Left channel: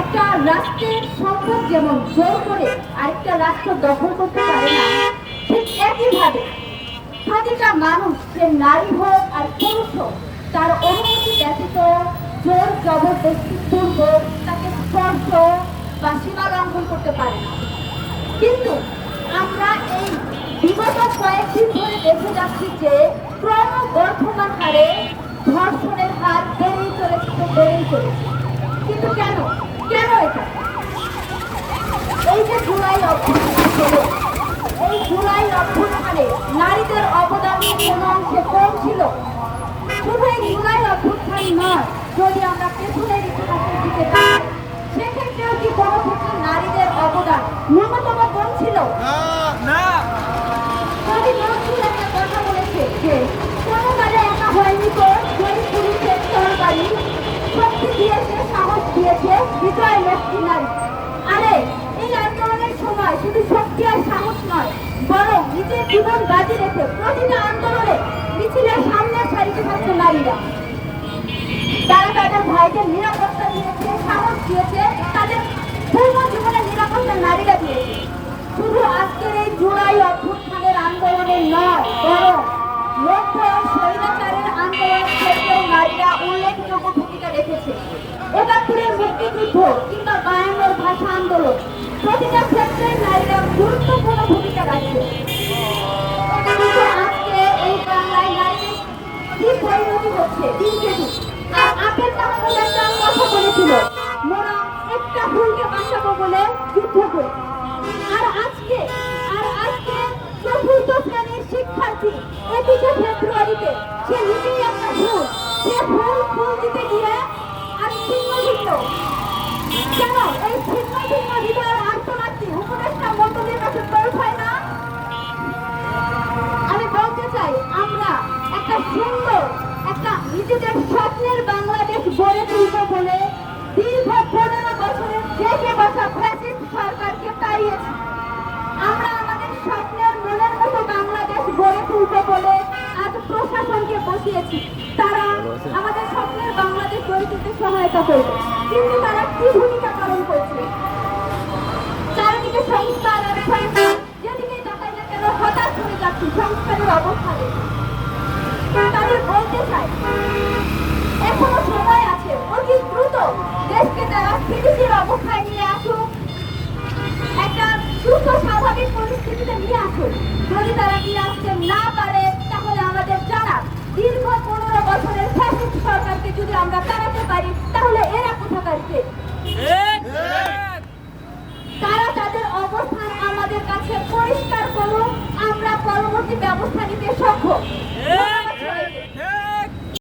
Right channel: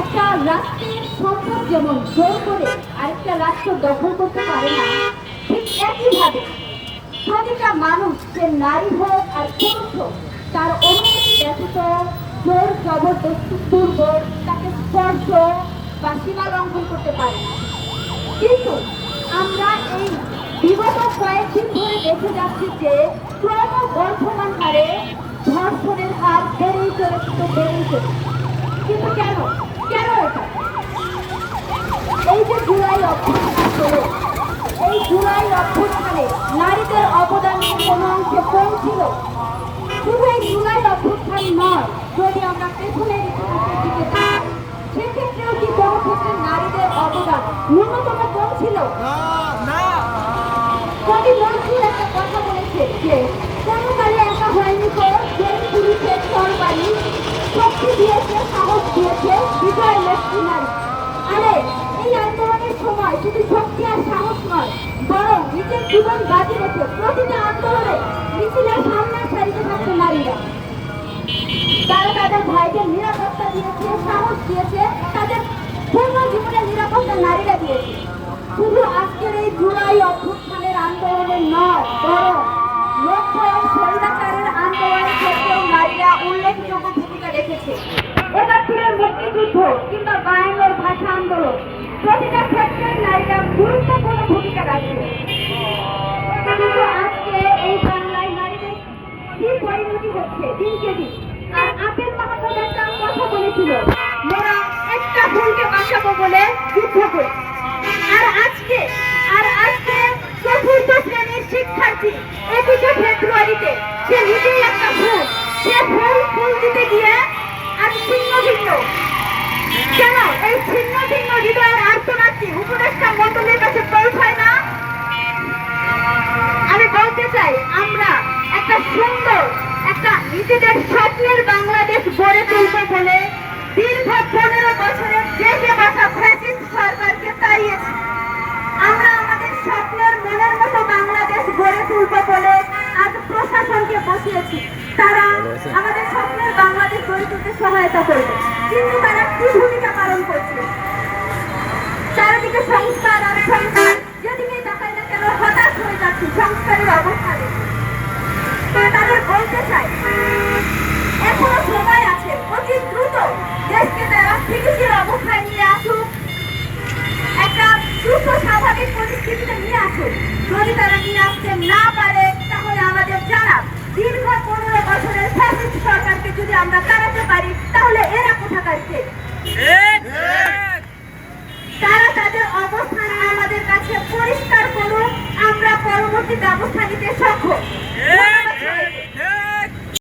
একটা রাষ্ট্রের সরকার যেমন জোর করে আরেকটা রাষ্ট্র দখল করতে পারে না, ঠিক একইভাবে প্রতিটা মানুষ, সে নারী হোক আর পুরুষ হোক, তার অনুমতি ব্যতীত জোর জবরদস্তি পূর্বক তাকে স্পর্শ বা সীমা লঙ্ঘন করতে পারে না। কিন্তু আমরা এই বিগত কয়েকদিন ধরে দেখে যাচ্ছি যে ক্রমবর্ধমান হারে ধর্ষণের হার বেড়েই চলেছে। কিন্তু কেন কেন এটা? এই যে জুলাই অভ্যুত্থান হলো, এই জুলাই অভ্যুত্থানে নারীদের অবদান কোনো অংশে কম ছিল? শুধু এই জুলাই অভ্যুত্থান নয়, যদি আমরা পেছনের ইতিহাসের দিকে তাকাই, সেক্ষেত্রেও কি কোনো ক্ষেত্রে নারীদের অবদান ন্যূনতম কম ছিল? না। কবি নজরুল একটা কথা বলেছে যে কোনো কালে একা হয়নি তো, যেই পুরুষের তরবারি শক্তি দিয়েছে, সাহস দিয়েছে বিজয় লক্ষ্মী নারী। আরে এই আন্দোলনের সময় শুধু শক্তি আর সাহস নয়, বরং নিজের জীবন বাজি রেখে প্রতিটা আন্দোলনে মিছিলের সামনের সারিতে থাকছে নারীরা। তারা তাদের ভাইদের নিরাপত্তা দিয়েছে, সাহস দিয়েছে, তাদের পূর্ণ জীবনের নিরাপত্তা নারীরা দিয়েছে। শুধু আজকের এই জুলাই অভ্যুত্থানের আন্দোলনে নয়, বরং লক্ষ্য স্বৈরাচারের আন্দোলনের ক্ষেত্রেও নারীরা উল্লেখযোগ্য ভূমিকা রেখেছে। ৭১-এর মুক্তিযুদ্ধ কিংবা ৫২-এর ভাষা আন্দোলন, প্রতিটা ক্ষেত্রে নারীরা গুরুত্বপূর্ণ ভূমিকা রাখছে। কিন্তু আজকে এই বাংলায় নারীদের কি পরিণতি হচ্ছে দিনকে দিন। আর আপেল কামাল একটা কথা বলেছিল, মোরা একটা ভুলকে বাঁচাবো বলে যুদ্ধ করি। আর আজকে চতুর্থ শ্রেণীর শিক্ষার্থী ২১শে ফেব্রুয়ারিতে সে নিজেই একটা ভুল, সে ফুল দিতে গিয়ে আর ছিন্ন ভিন্ন। কেন এই ছিন্ন ভিন্ন হৃদয়ের আর্তনাদটি উপদেষ্টা মন্ডলীর কাছে পৌঁছায় না? আমি বলতে চাই, আমরা একটা সুন্দর, একটা নিজেদের স্বপ্নের বাংলাদেশ গড়ে তুলব বলে দীর্ঘ ১৫ বছরের দেশে বসা ফ্যাসিস্ট সরকারকে তাড়িয়েছি। আমরা আমাদের স্বপ্নের মনের মতো বাংলাদেশ গড়ে তুলব বলে আজ প্রশাসনকে বসিয়েছি। তারা আমাদের স্বপ্নের বাংলাদেশ গড়ে তুলতে সহায়তা করবে, কিন্তু তারা কি ভূমিকা পালন করছে? চারিদিকে সংস্কার আর সংস্কার, যেদিকে তাকাই না কেন হতাশ হয়ে যাচ্ছে সংস্কারের অবস্থানে। তাদের বলতে চাই, এখনো সময় আছে, অতি দ্রুত দেশকে তারা স্থিতিশীল অবস্থায় নিয়ে আসুক, একটা সুস্থ স্বাভাবিক পরিস্থিতিতে নিয়ে আসুক। যদি তারা নিয়ে আসতে না পারে, তাহলে আমাদের জানা, দীর্ঘ ১৫ বছরের ফ্যাসিস্ট সরকারকে যদি আমরা তাড়াতে পারি, তাহলে এরা কোথাকার কে? তারা তাদের অবস্থান আমাদের কাছে পরিষ্কার করুন, আমরা পরবর্তী ব্যবস্থা নিতে সক্ষম।